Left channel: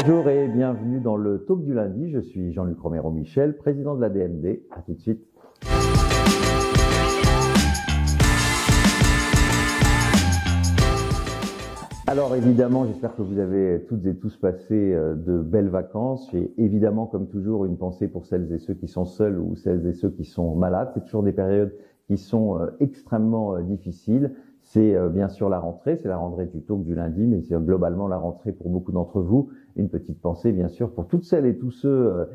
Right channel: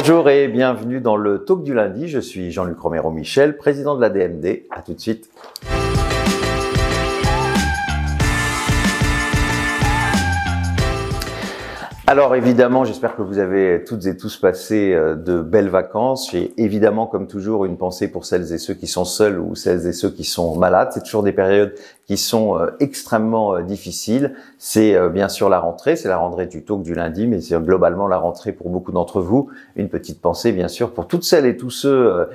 Bonjour et bienvenue dans le Talk du lundi. Je suis Jean-Luc Romero-Michel, président de la DMD. À tout de suite. Alors évidemment, j'espère que vous avez toutes et tous passé de belles vacances. J'ai évidemment, comme toujours, une pensée pour celles et ceux qui sont seuls ou celles et ceux qui sont malades. C'est toujours des périodes qui sont extrêmement difficiles. C'est bien sûr la rentrée, c'est la rentrée du Talk du lundi, mais c'est globalement la rentrée pour beaucoup d'entre vous. Une petite pensée bien sûr pour toutes celles et tous ceux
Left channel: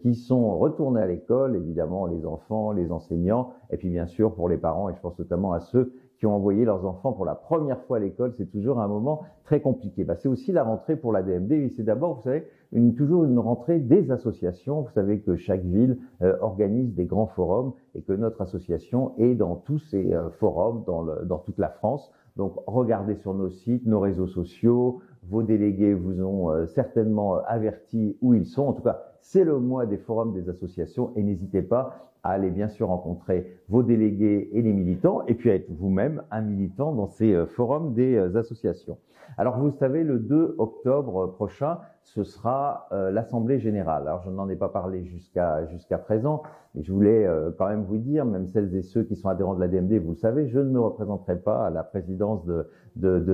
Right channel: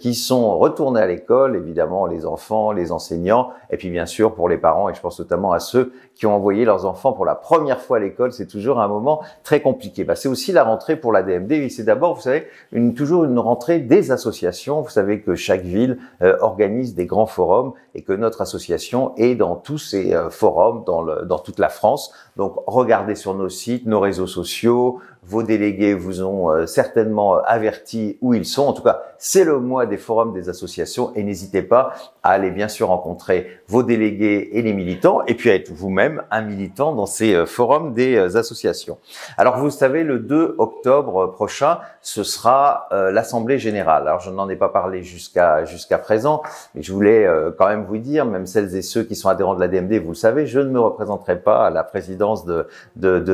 qui sont retournés à l'école, évidemment les enfants, les enseignants, et puis bien sûr pour les parents, et je pense notamment à ceux qui ont envoyé leurs enfants pour la première fois à l'école. C'est toujours un moment très compliqué. C'est aussi la rentrée pour la DMD, et c'est d'abord, vous savez, toujours une rentrée des associations. Vous savez que chaque ville organise des grands forums et que notre association est dans tous ces forums dans toute la France. Donc, regardez sur nos sites, nos réseaux sociaux. Vos délégués vous ont certainement averti où ils sont. En tout cas, c'est le mois des forums des associations et n'hésitez pas à aller bien sûr rencontrer vos délégués et les militants et puis à être vous-même un militant dans ces forums des associations. Alors, vous savez, le 2 octobre prochain, ce sera l'Assemblée Générale. Alors, je n'en ai pas parlé jusqu'à présent, mais je voulais quand même vous dire, même celles et ceux qui sont adhérents de la DMD, vous le savez, je ne me représenterai pas à la présidence de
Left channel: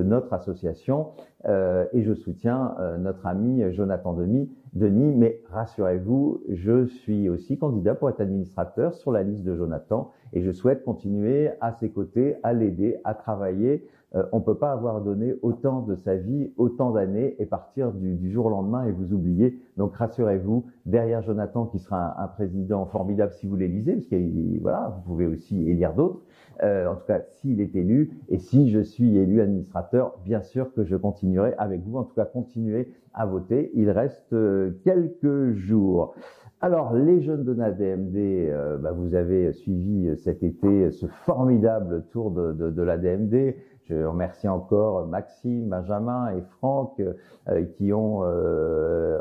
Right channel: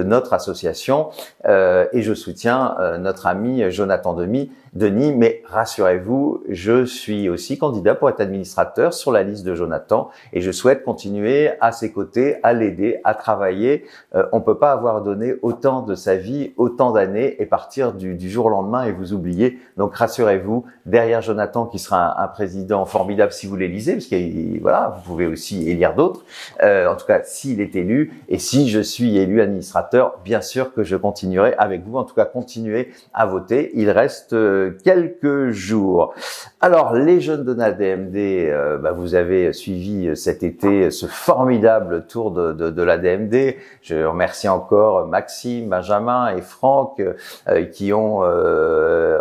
notre association. Et je soutiens notre ami Jonathan Denis, mais rassurez-vous, je suis aussi candidat pour être administrateur sur la liste de Jonathan et je souhaite continuer à ses côtés, à l'aider, à travailler. On peut pas avoir donné autant de sa vie, autant d'années et partir du jour au lendemain et vous oublier. Donc rassurez-vous, derrière Jonathan qui sera un président formidable si vous l'élisez, parce que voilà, vous pouvez aussi élire d'autres. En tout cas, s'il est élu et si je suis élu administrateur, bien sûr que je continuerai avec vous. En tout cas, continuez à voter. Il reste quelques jours. Alors, les jeunes de la DMD, vous avez suivi cet été ce formidable tour de la DMD. Je remercie encore Maxime, Benjamin et Franck qui ont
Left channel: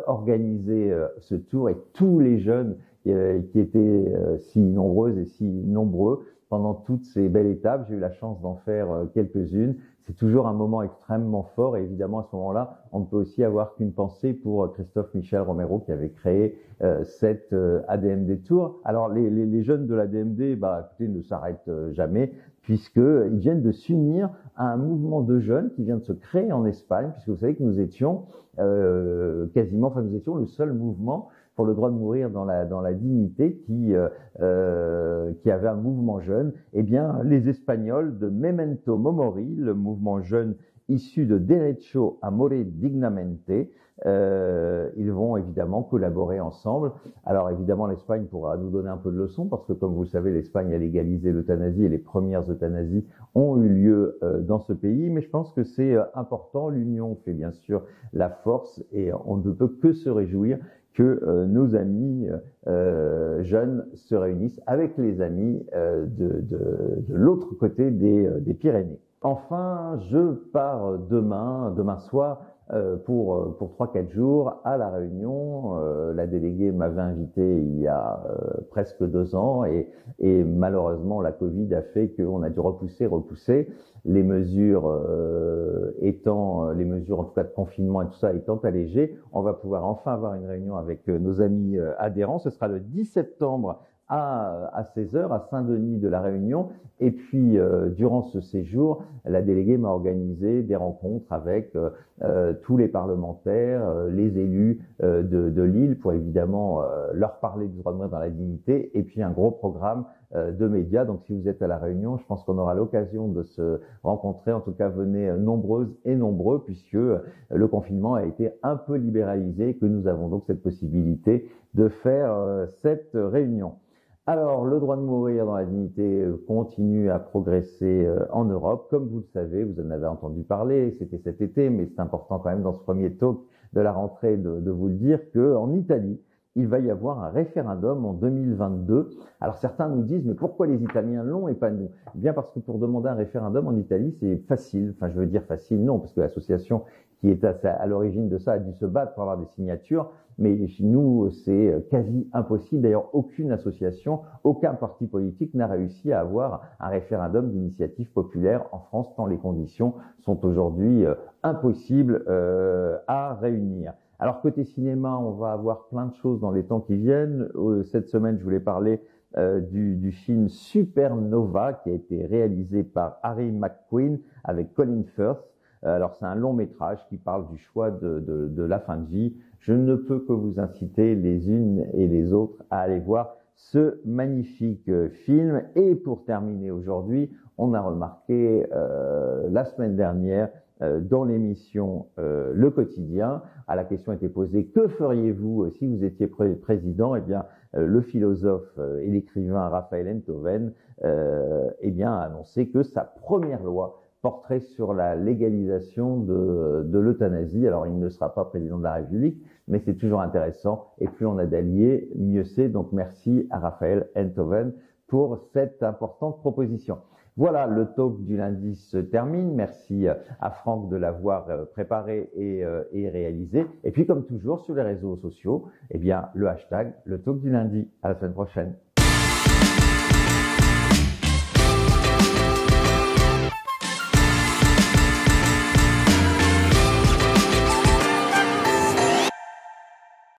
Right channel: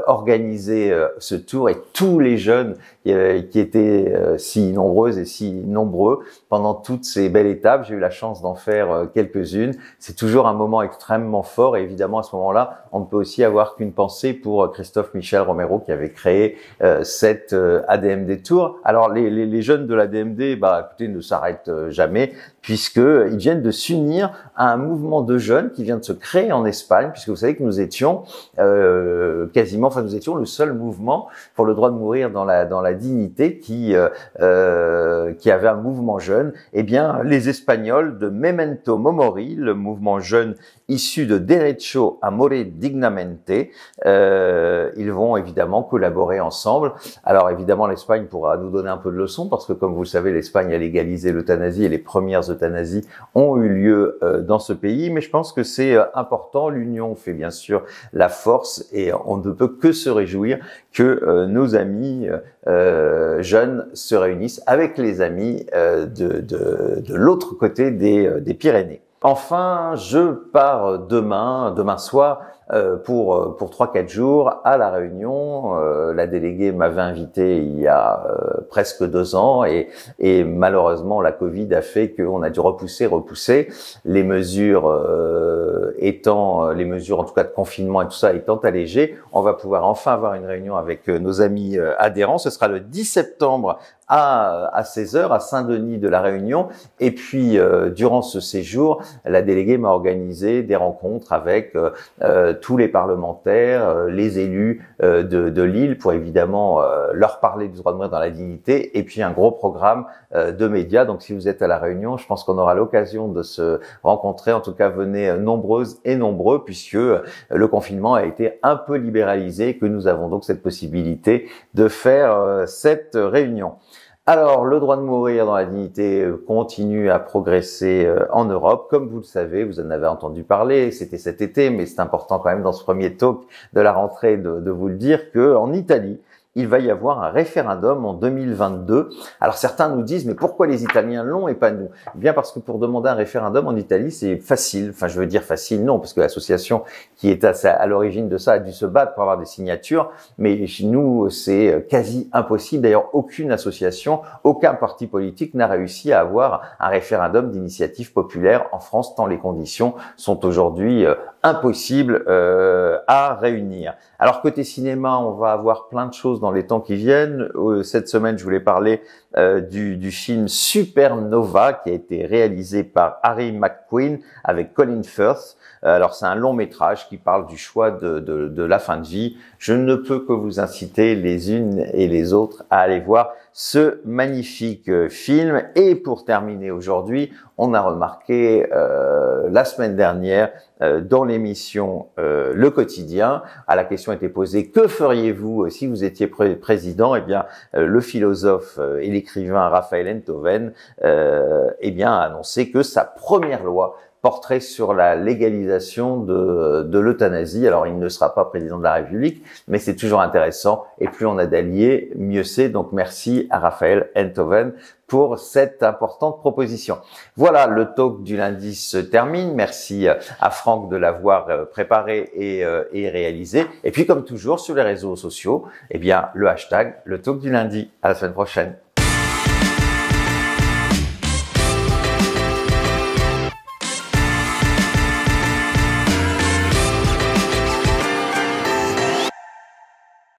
organisé ce tour et tous les jeunes qui étaient si nombreuses et si nombreux pendant toutes ces belles étapes. J'ai eu la chance d'en faire quelques-unes. C'est toujours un moment extrêmement fort et évidemment à ce moment-là, on ne peut aussi avoir qu'une pensée pour Christophe Michel Romero qui avait créé cette ADMD Tour. Alors les jeunes de l'ADMD, écoutez, ne s'arrêtent jamais puisqu'ils viennent de s'unir à un mouvement de jeunes qui vient de se créer en Espagne, puisque vous savez que nous étions nous étions le seul mouvement pour le droit de mourir dans la dignité qui avait un mouvement jeune. Eh bien, les Espagnols de Memento Mori, le mouvement jeune issu de Derecho a Morir Dignamente, ils vont évidemment collaborer ensemble. Alors évidemment, l'Espagne pourra nous donner un peu de leçons parce que comme vous le savez, l'Espagne a légalisé l'euthanasie et les premières euthanasies ont eu lieu dans ce pays. Mais je pense que c'est important. L'union fait bien sûr la force et on ne peut que se réjouir que nos amis jeunes se réunissent avec les amis de l'autre côté des Pyrénées. Enfin, je pars demain soir pour 3-4 jours à La Réunion. La déléguée m'avait invité il y a presque 2 ans et malheureusement la Covid a fait qu'on a dû repousser les mesures les mesures en tout cas de confinement et tout ça étant allégées. On va pouvoir enfin avoir une réunion avec nos amis adhérents. Ce sera le 10 septembre à 16h à Saint-Denis de la Réunion. Et puis, durant ce séjour, la déléguée m'a organisé des rencontres avec tous les parlementaires, les élus de l'île pour évidemment leur parler du droit de mourir dans la dignité et puis un gros programme de médias. Donc, si vous êtes à la Réunion, je pense qu'on aura l'occasion de se rencontrer. En tout cas, venez nombreuses et nombreux puisque le confinement a été un peu libéralisé et que nous avons donc cette possibilité de faire cette réunion. Alors, le droit de mourir dans la dignité continue à progresser en Europe. Comme vous le savez, vous en avez entendu parler, c'était cet été, mais c'est important quand même dans ce premier talk de la rentrée de vous le dire qu'en Italie, il va y avoir un référendum en 2022. Alors certains nous disent, mais pourquoi les Italiens l'ont et pas nous? Eh bien parce que pour demander un référendum en Italie, c'est facile. Enfin, je veux dire facile, non, parce que l'association qui est à l'origine de ça a dû se battre pour avoir des signatures. Mais chez nous, c'est quasi impossible. D'ailleurs, aucune association, aucun parti politique n'a réussi à avoir un référendum d'initiative populaire en France, tant les conditions sont aujourd'hui impossibles à réunir. Alors côté cinéma, on va avoir plein de choses dans les temps qui viennent. Cette semaine, je voulais parler du film Supernova qui a été réalisé par Harry McQueen avec Colin Firth. Alors c'est un long métrage qui parle du choix de la fin de vie. Je ne peux que vous inciter les unes et les autres à aller voir ce magnifique film. Et pour terminer aujourd'hui, on a remarqué la semaine dernière dans l'émission Le Quotidien, la question était posée, que feriez-vous si vous étiez président? Eh bien, le philosophe et l'écrivain Raphaël Enthoven a annoncé que sa première loi porterait sur la légalisation de l'euthanasie. Alors, il ne sera pas président de la République, mais c'est toujours intéressant. Et plus on a d'alliés, mieux c'est. Donc, merci à Raphaël Enthoven pour cette importante proposition. Voilà, le talk du lundi se termine. Merci à Franck de l'avoir préparé et réalisé. Et puis, comme toujours, sur les réseaux sociaux, eh bien, le hashtag, le talk du lundi. À la semaine prochaine.